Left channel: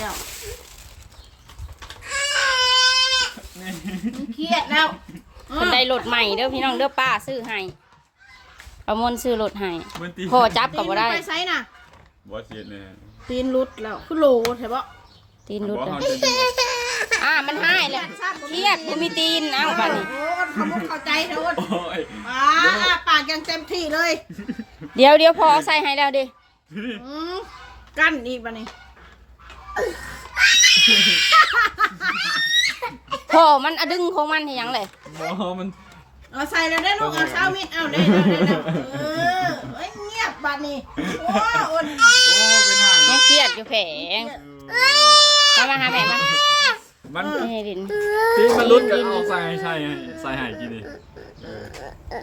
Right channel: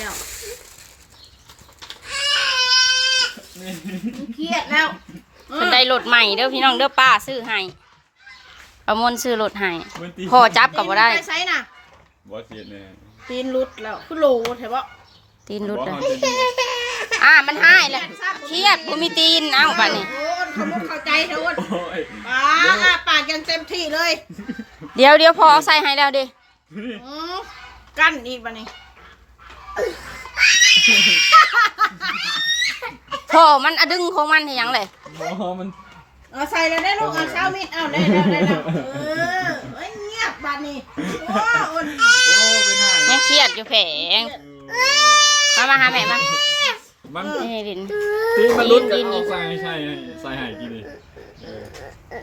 แล้วนี่เครียดแล้วเพิ่นได้รถใหม่เด้อพี่น้องเด้อป้าซื้อให้ประมวลซื้อรถให้มันตีพ่อจับก็บ่ได้ไปใช้น่ะบอสเสียแน่ตีนรุดแล้วคือโหลใช่ปะตีนรถบอสอะเขาเป็นอ่ามันหายแล้วเครียดบ่มีตีนเอ้าบัดนี้ โอ้ยเขาบ่เข้าใจโดนโอ้ยอ่าปากยังเต็มที่เลยเดี๋ยวเดี๋ยวพอเอาใส่ให้แล้วดิอืมกั้นอีกบันนี้ พอมันอะดึงของมันให้หยังเลยบอสมันเอาใส่แล้วได้ลูกเอาเช้ามิดเอาได้แล้วได้แล้วเออเฮ้ยเงียบบัดนี้โอ้ยอ่อนโอ้เป็นห่างยังเครียดอยู่แผงมามาหาแม่มามันนี่ดินที่มันรุดกันออกใส่ใช่ใส่ใหายกี่ดิเออ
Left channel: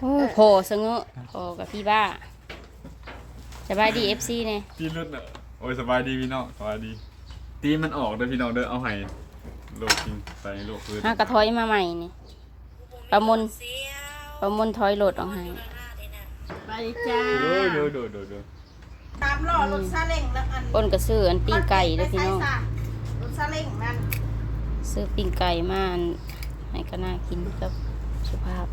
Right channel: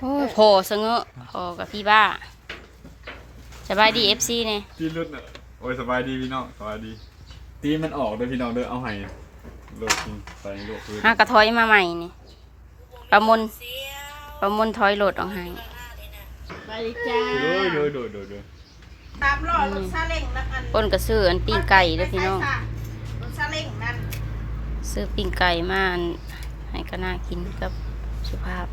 โอ้โหสงะพอกับพี่บ้าสบายดี FC เนี่ยที่รุดอะโอ้ยสบายดีพี่น้องสบายดี ตีมันออกเด้อพี่น้องเด้อเอาให้โลกจริงใส่โลกพื้นหากระถอยมาใหม่นี่ประมวลประมวลถอยโหลดออกให้ไปจ้าดูดูดูดูดูตามล่อรถซาเล้งนะอันอ้นก็ซื้ออันปิ้งไก่เด้อพี่น้องรถซาเล้งนั่นซื้อปิ้งไก่มาอันให้ก็น่ากินกับสุภาพ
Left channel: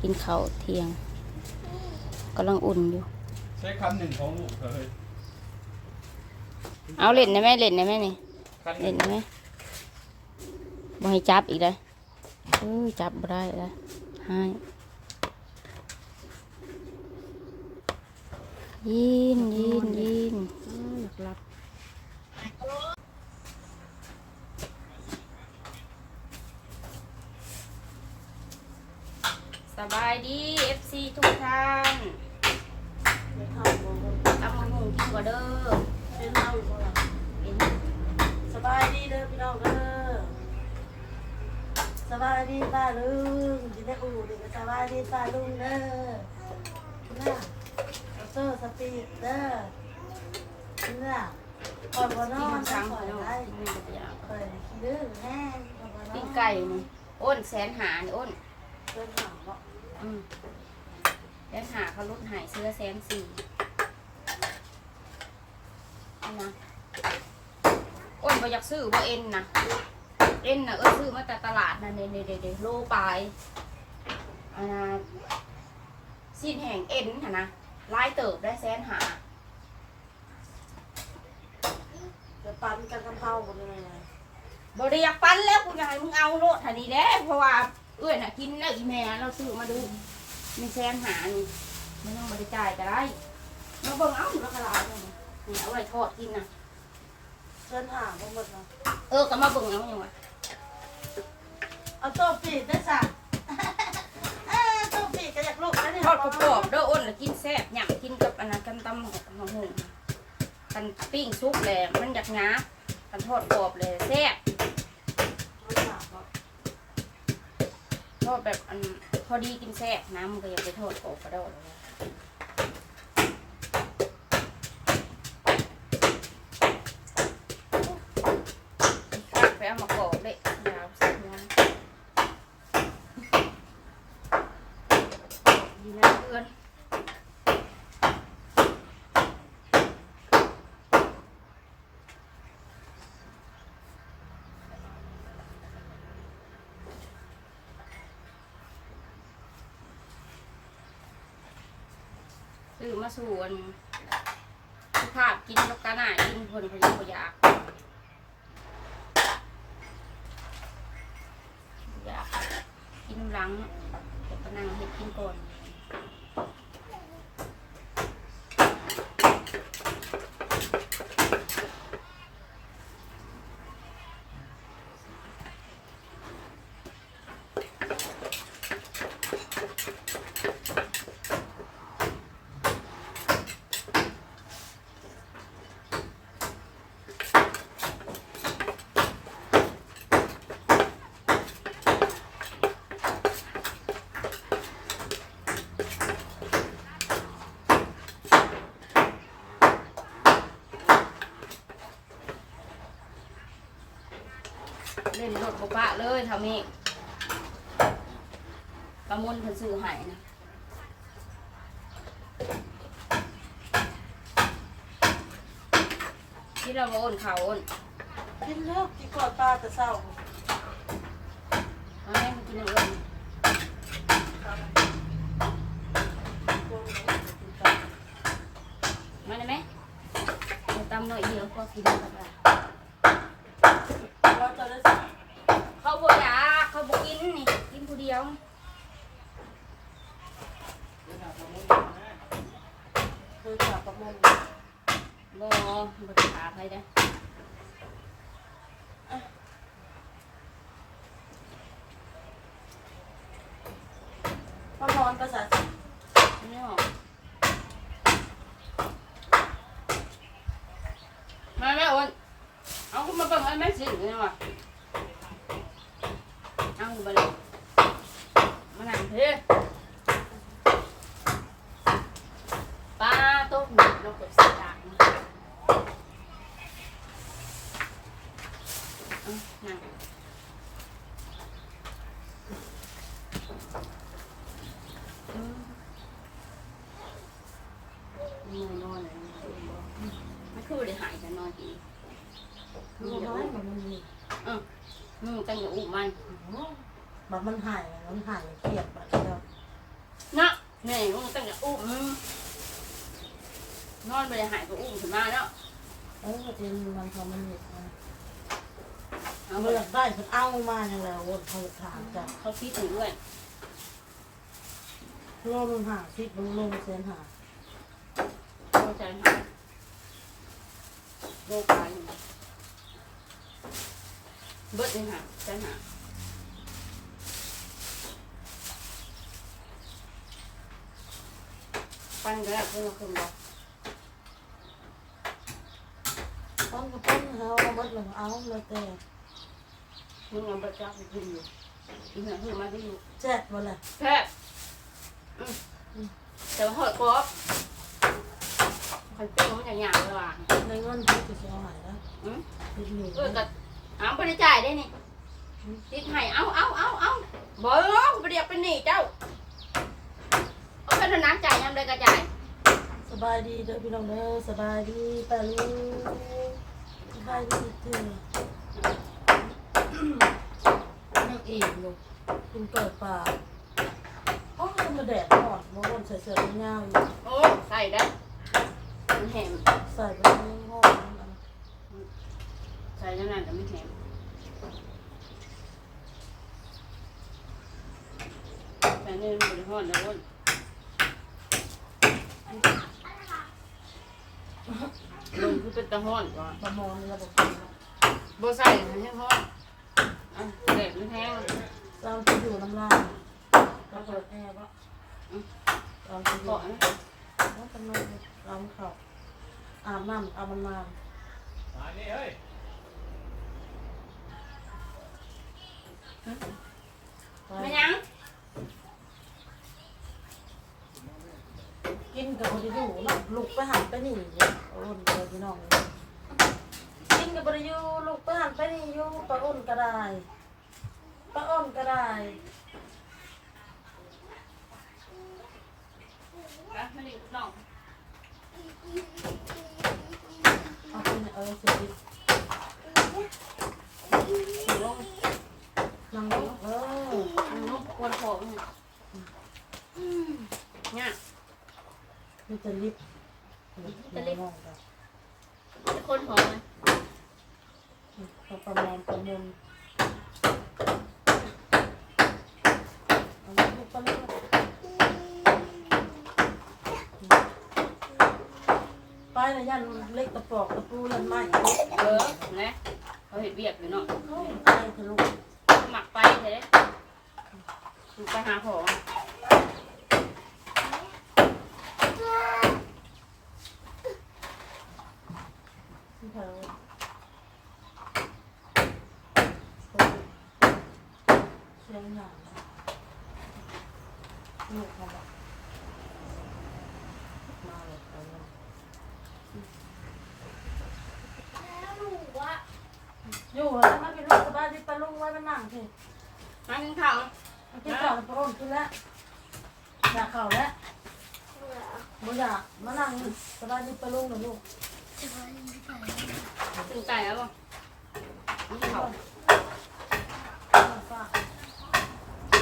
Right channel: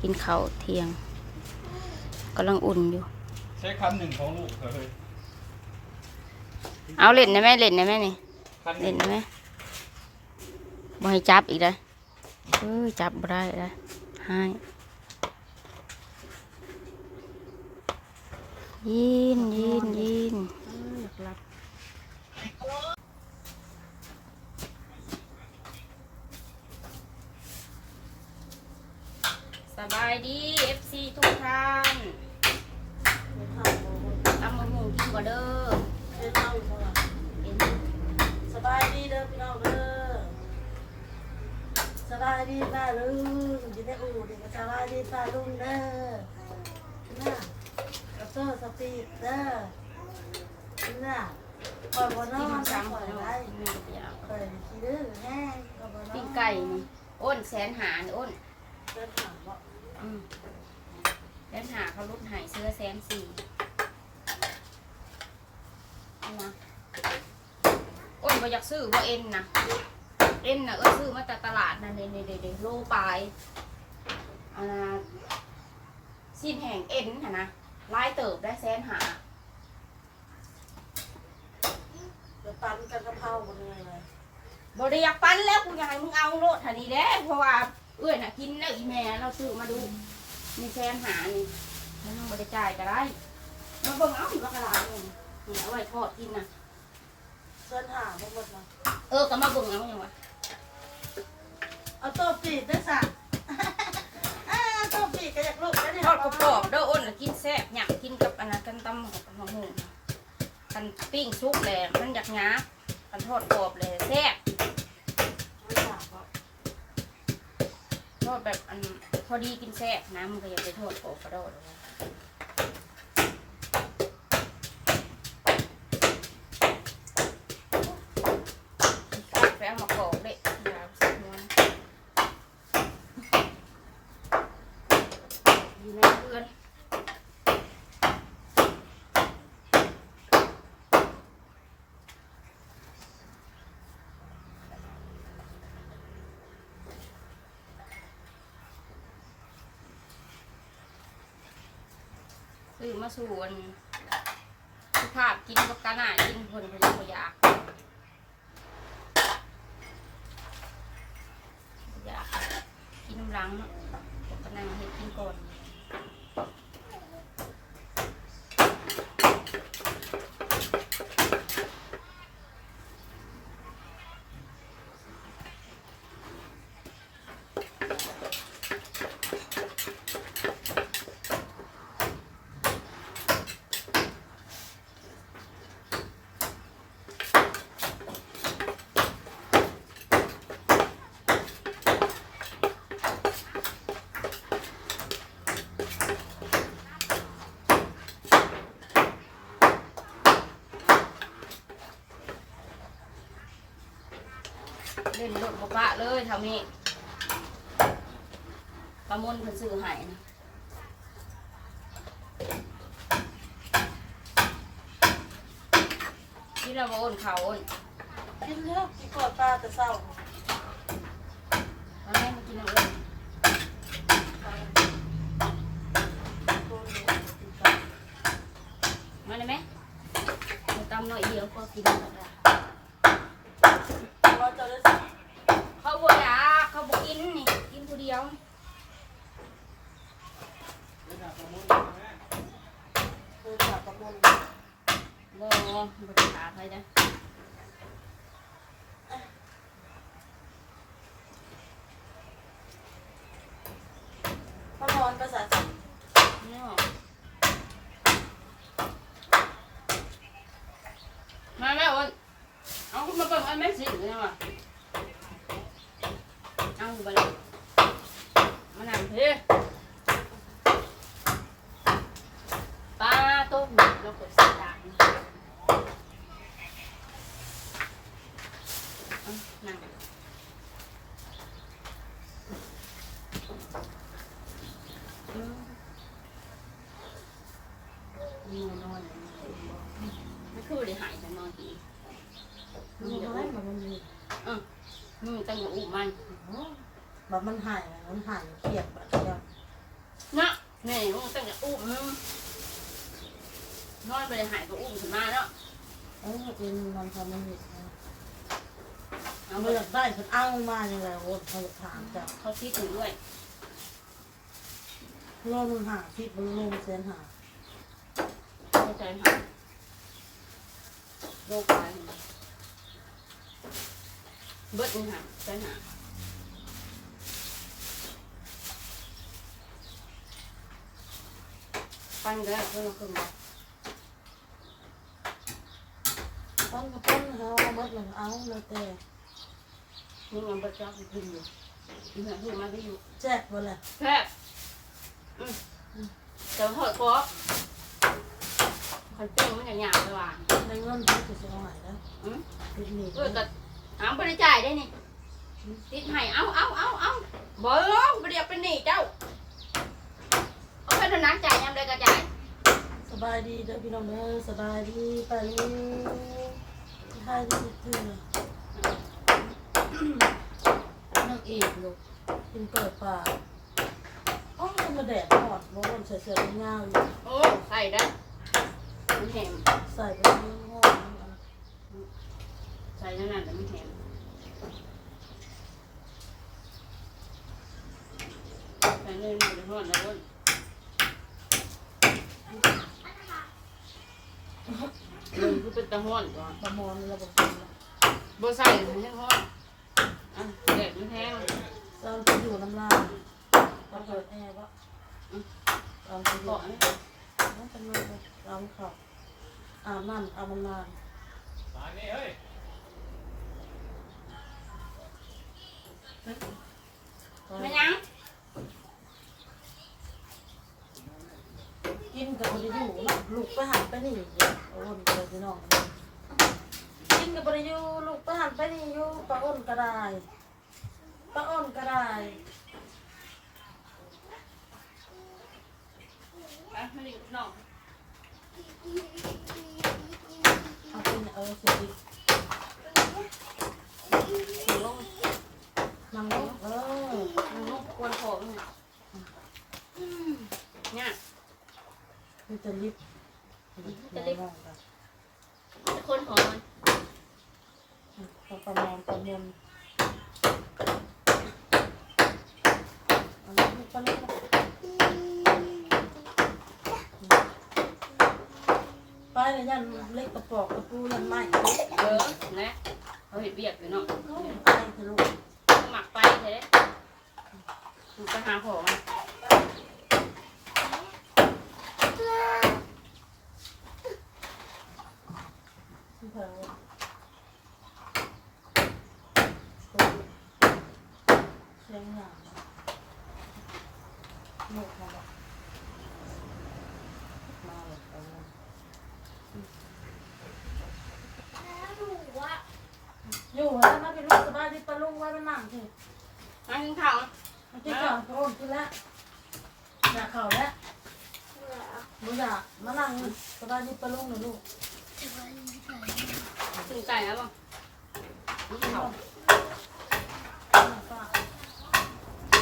กินข้าวเที่ยงกำลังอุ่นอยู่ ใช้คันหนึ่งของลูกเลย เอาเล่นนะแม่เล่นนะแม่นี่คันหเล่นนะแม่บ่ให้จับอีกเลยเอ้ยจับบ่ได้เลยให้ยินยินยินสบายดี FC ทุกท่านตำมะฮุงกินกว่าเด้อ เห็นสบายดีเด้อพี่น้องเด้อสบายดีป้าลุงยินได้อู่ดีก็สบายดีป้าลุงเด้อน่ะออโต้สปีดเด้อน่ะคอยบ่นกิอนนซ้ำคอยเนาะได้กินมันก็อยากคอยขี้ดื้อแห้งคอยบ่นอนปิ้งไก่นี่อ้นแสนหานี่อ้นเดินหางเนาะอืมแสนหาเขาลดใหายเสื้อแสนสี่เอา นะอ้นบ่อยากซื้อว่าเอ็นนะเอ็นนะเอ้ยซื้อมาจากตลาดนะเนเดเดโลปลายเอานะสิ้นแห่งเอ็นค่ะนะลายเติบได้แสนหาจะปั่นกันกะเพราบ่เนี่ยบริอยากปั้นแล้วกูอยากให้มึงเอาโลดทันนี้แด้เพราะว่าเอ้ยน่ะกินแล้วอีแม่เราซื้อมาดูมีแสนหานี่มันยังบริจ่ายก็ได้มาเบิ่งเอาแล้วก็ลายนี่นี่ เอาไว้ทอดกินนะเดินหางบ่หมดเนาะเออก็มาเบิ่งเอาอย่างวะเอาโต้ปีดได้สั่งเอ้าโต้ปีดก็อยากลูกแล้วเนี่ยทอดกรอบๆเด้ออ้นน่ะกินแซ่บหยั่งกินกับอันนั้นกันตำกับหมูกันปิ้งซุกแหละมันอยากหยาบกันทอดกรอบเลยแซ่บมันหางเนาะทอดแบบอันพอดีกินแซ่บน้ำมันก็อย่าไปทอดกรอบกระโดดเลยข้าวไปเอามากรอกเลยยาวสักนวนอยู่ในเรือน ซื้อมาสู่อันสุภาพกินกับกาหน่ากินเพิ่นเพนบ่อยากอยากกินน้ำหลังผมก็นั่งเฮ็ดกินก่อน เล่นรถบ่ปะเลยเท่านี้ประมวลเพิ่นซื้อให้นะที่เราโอนเขาโอนกินแล้วกินก่อนตาแต่เศร้าเอาแม่มากินเอาเอิญมาได้ไหมเอาตำหน่อยเดียวก็กินแล้วล่ะ ว่าจะได้ เขาบ่อยากเขาบ่กินนี่กินผู้เดียว เคยขาดกับมนบ่บ่ได้ขาใครได้พระพรภาษาจีนเนาะมาแม่โอนเอาขึ้นมาเบิ่งอันแม่สิเนี่ยว่ะเอาอยู่บ่เลย เฮ้ปลาต้มลงกับส่ดาบเอานั่งอืมนอนนอนไม่คือได้หายแต่นอนดีมันน้อยมันมีมึงตั้งอยู่อุ้มมัน บบมันหายมันหายเกลียดแบบเดียวเนาะแม่มึงตั้งอยู่อุ้มมึงนอนไปได้หายก็อุ้มขึ้นมาเนาะเออเป็นมันทำมันมีเอาเมื่เมื่อได้ฉันเอามาอย่างแล้ววนเขาถามจ้ะเขาคิดถึงด้วยโลนึงหาที่มันลงเส้นหาเข้าใจหายโรคไปเบิดนี่หายใจหา ปั้นก็ได้เพื่อนเราคืนบอกต้นกับต้นเขาเอาบัดหนึ่งเอาเลยแต่มึงเอาเบิดจ้าไปคืนอยู่อีเหนือคือมาไปอยู่แจ๊ดมาเลยแพ้อืมอืมแต่ว่าหอยกรอบคันติ้งมันจะหยาบเลยว่ะในเงินที่จะเอาหายแล้วอืมติดหนีเออก็เอาบริจ่ายได้นี่ติดให้เอาเอาเอาเอาบ่เอ้าบ่เรียกเป็นหนี้เจ้า เอาไปเท่านั้นจ่ายยามใดก็จ่ายสบายดีเด้อพี่น้องเด้อสบายดีป้าลุงสบายดีเถื่อนางเอกลูกกินเปิดปากอ๋อมาแดดหอดมาวนใส่เสื้อเงาอยู่โอ้ใส่ได้อมันเห็นใส่ไปในห้องใส่นั่นน่ะแต่มันเห็นแต่นี่มันบ่ได้ฮ้อนแล้วอ้นมัน คือเป็นตะฮ้อนก่อนประมอนเราบอกกินเนาะบ่ใส่มันยังฮ้อนอะแดดมันแห้งเราจะอยู่น้ำลายเราเปิดแอร์ปะเราจะอยู่เกาะนะน้องกำลังเราเขาอาบน้ำเอามันนานไม่ยัง กินกับคนที่อยู่นะลูกไปหันไปนี่โอ้นไปพี่น้องกินกับบริยูลูกไปหันไปนี่อยู่ปลาอ้นก็ได้ปลาอ้นก็ได้อะไม่ได้นอกเอาไปเออเสร็จดิลงนั่งลงเออนกควรขอมันเนี่ย มีแต่ลิฟต์จะลิฟต์กันจะคนขอมันประมอนประมวลเอาลูกไปเลยไปเลยยันเล็กกระปอกกระปูยันไม้เออนะเขาเห็นเบียกเลยเนาะไปเถอะลูกหมักไปเลยไปหาของ เถอะเสียงหนังลูกมาบอกมาเลยเอาเลยอยู่แล้วมาเป็นลูกสบายดีปะลุงไว้เป็นหนังสิมากินข้าวมากินก่อนพระองกินแล้วอยากข่าวแล้วบุอยากมานั่งสบายดีปะลุงหน่อยลูก กินไก่แล้วป่ะเนี่เขาเธอ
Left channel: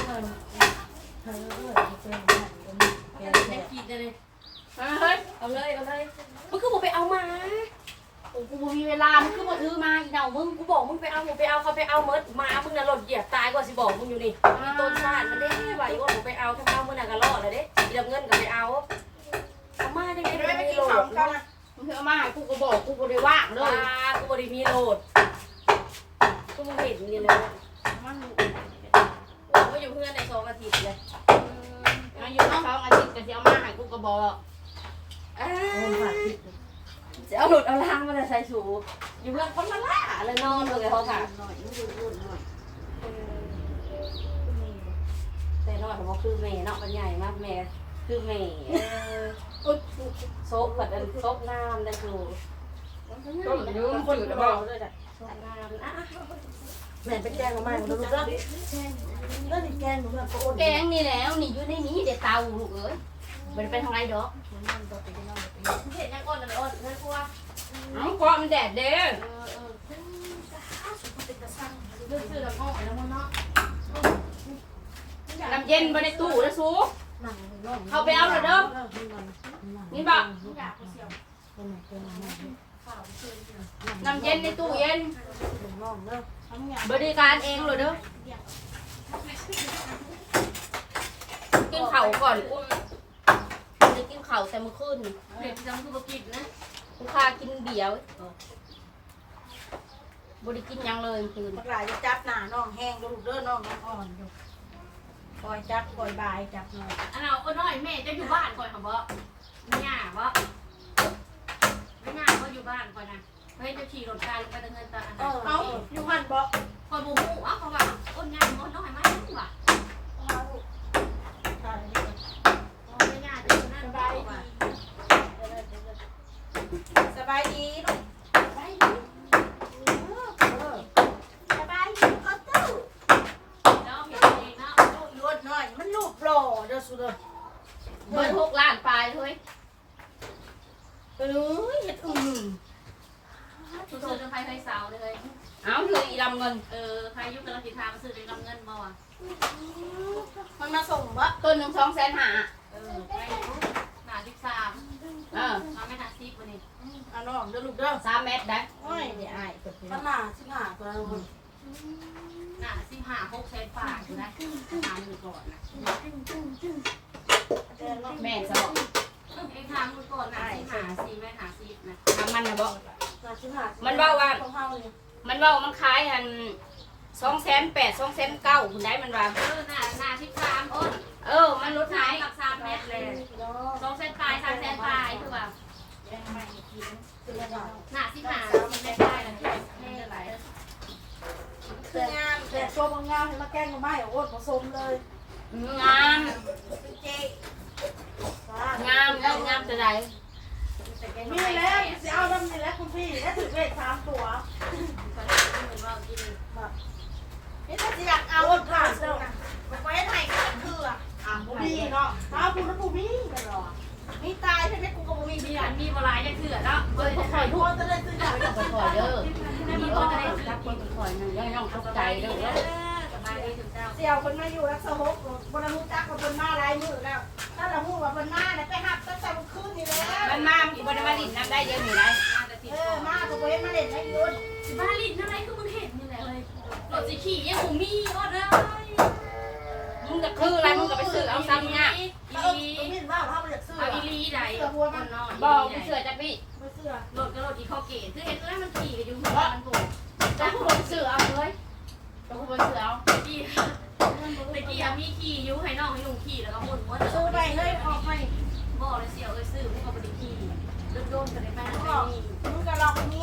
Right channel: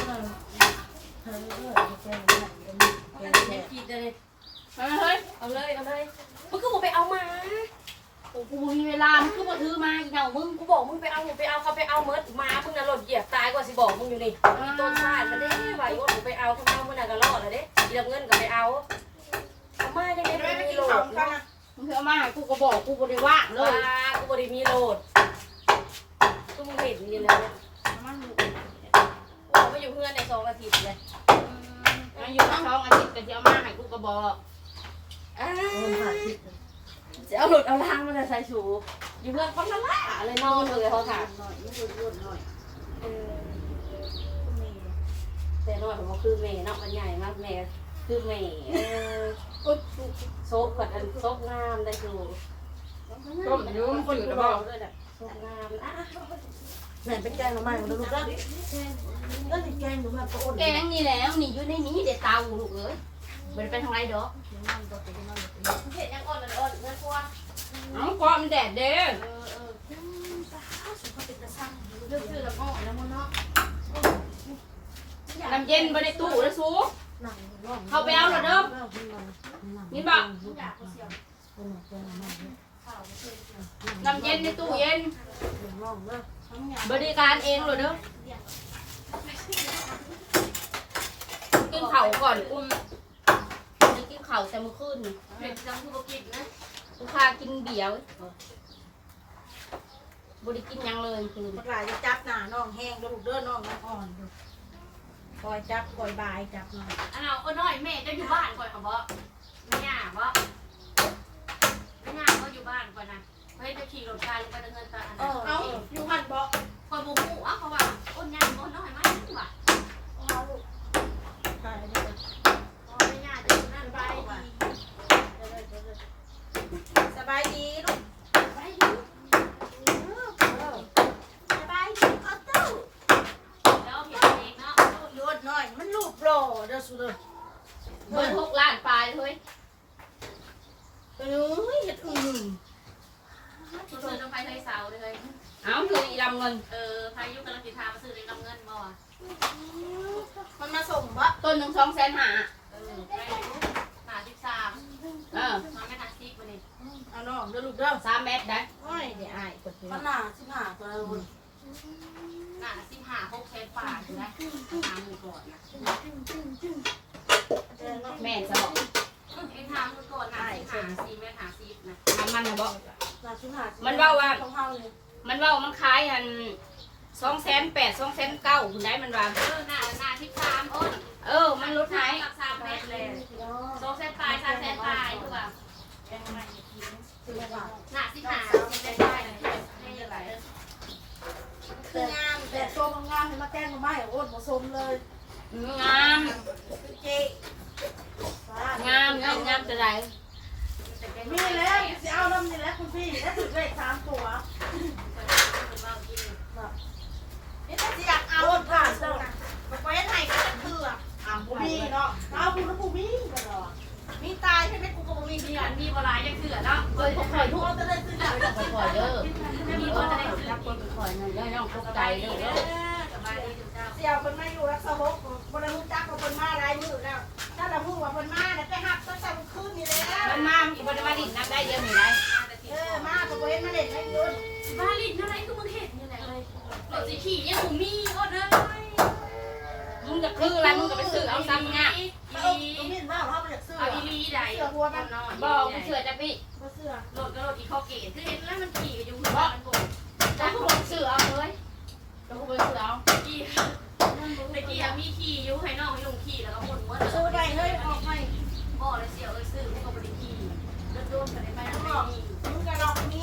เออเจอเนี่ยเจอไม่เนี่ยกินเลยเฮ้ย เอาเลย เอาเลยมันคือมึงไปเอามาโอ้กูบ่มีเวลา มึงคือบ่ถือมาอีเหนามึง กูบอกมึงไปเอามึงไปเอาเขาไปเอาเมิดมา มึงน่ะหล่นเหยียบตายกว่าสิบอกมึงอยู่นี่มีต้นชาติมันเด้ว่าอีว่ามึงไปเอาทำไมเอามึงน่ะก็รอดเลยเด้อีดำเงินก็ไปเอาเอามาจังไงเดี๋ยวไม่ไปมีกินโหลข้าวดกัน มึงเอามาให้กูก็บอกกูบ่ได้ว่างเลว้ายกูบ่ได้มีโหลดกูมึงเห็นนี่เลยกูมาอยู่เพื่อนในสองอาทิตย์เลยมาอยู่สองอาทิตย์ก็สิเอามาให้กูก็บอกอ้าคนผ่านผิดจะเอาหลุดเอาล้างมาเลยใส่ชูอยู่เพื่อนคนละล่าเลยนอนเลยเขาค่ะหน่อยมึงพูดหน่อยเออแต่น้อยของเขาคือแม่เนาะมันใหญ่มากแม่ คือแม่เออซบแบบอันซบงามได้ดูต้มยู่มันจืดหรือเปล่าซบงามอะแม่ไปแกงมาใหม่มาดูแล้วแล้วนี่แกงดูแบบโอ้แกงนี่แล้วนี่อยู่ในนี้เดี๋ยวเตาลูกเอ้ยบ่ได้ไปทางไรดอกเห็นยังอ่อนเลยอ่อนเพื่อนพวกเอ้าก็มันแดดเด้อเออเออเลือกซื้อกับอ่อนแล้วมันเนาะน้ำเย็นบ่ได้ตู้นะสู้ เข้าไปเอาเถอะเด้อนี่บ่อยากเสียวน้ำเย็นในตู้เย็นน้องเนาะบริการเองเลยเด้อกินเข่าวก่อนอุ้มจะกินเข่าวแต่เมื่อคืนนี่เด็กจังคือบ่กินนะลูกค้ากินเบียร์เว้ยบริกินหยังเลยเมื่อคืนบักหลายจะจับหน้าน้องแห้งลูกเด้อน้องยังอ่อนอยู่ คอยจับคอยบายจับหน่อยอันเอาเอาน้อยแม่จะอยู่บ้านก่อนค่ะบ่ไม่ง่าบ่ไม่ง่าก็อยู่บ้านก่อนนะเฮ้ยจะขี่รถไฟลงไปเงินตาอันเอนั้นอเอาอยู่หันบอกคอยบูมูอะเขาว่าอ้นยังอ้นน้อยไหมว่ะ ถ่ายนี่ก่อน อ๋อไม่ง่าจะอยู่นั่น ส ไป บาย ว่ะ ดีสบายดีลูก ไปดู สบายดีก็ตู้ แล้วเห็นเองเนาะ ยดหน่อยมันรูปหล่อเด้อสุดเด้อ เบิร์หกล้านปลายเลย เอ้ยเฮ็ดอึ่ง ซื้อน้ำไฟเคยเสาเลย เอาเลยอีลำเงิน เออพายุกำลังติดทามาซื้อเลยนำเงินมาว่ะ มันมาส่งบ่ ต้นหนึ่ง สองแสนห้าเออไปดูหาสิบสามเออมาไม่หาสิบวันนี้อะน้องเด้อลูกเด้อสามเมตรได้โอ้ยเดี๋ยวอายเปิดเพลงขนาดสิบห้าตัวหาสิบห้าหกแสนบาทอยู่นะทานมือก่อนนะแม่สบอกไอ้ทานมือก่อนนะสิบห้าสี่แม่หาสิบนะทำมันนะบอกนาสิบห้ามันเว้าว่าต้องห้าเลยมันว่ามันขายอันสองแสนแปดสองแสนเก้าคุณได้มันว่าเออหน้าหน้าสิบสามอ้น เออมันกับสามเมตรเลยสองแสนปลายสามแสนปลายคือแบบสิบห้าหน้าสิบห้าสี่แสนปลายนะนี่อะไรคืองามแต่ตัวบางามเห็นมาแกล้งมาไม่โอ้ผสมเลยงามงามงามงามจะไรมีแล้วสิเอาลำนี่แล้วคุณพี่ได้ถึงเลขสามตัวนี่ถ้าสิอยากเอาผ่านเด้อนะมันไว้ให้กันเถื่อ อะบุมีเนาะเอาคุณแล้วบุมีกันหรอมีตายใช่ไหมกูก็บ่มีมีเบียอันมีโบราณยังเถื่อนแล้วเปิดคอยทุกจะได้ซื้อหน่อยคอยเด้อมีคนจะได้รับคนคอยนั่นย่องตกใจเด้อเสี่ยวคนมาอยู่รักษาหกบนรู้จักว่าคนมาหลายมือแล้วถ้าเราพูดว่าคนมาเนี่ยไปหักตั้งแต่คืนนี่แล้วมันมาอีบริมาดินน้ำได้เยอะมีไรเออมาก็บ่เห็นมาเล่นไม่ยุดบ้าลินอะไรคือมึงเห็นอยู่ไหนเลยรถสีขี่ยังกูมีก็ได้มึงจะคืออะไรมึงก็ไปซื้อเอาซ้ำง่าตรง ถ้าไปอยากซื้อเอาอีลีใดบอกกูเสือจะพี่มาเสื้อรถก็รถอีคอเกตคือเห็นแล้วมันขี่กันอยู่หัวมันโผล่จะกูไปซื้อเอาเลยจะกูไปซื้อเอาขี่ตะกี้มีขี่อยู่ให้น้องให้ลุงขี่แล้วก็หมุนวนซื้อไปเฮ้ยออกไปบ่เลยเสียวเอ้ยซื้อพวกเขาไปขี่รถโดนกันได้ไหมไม่มีมึงก็ลองมี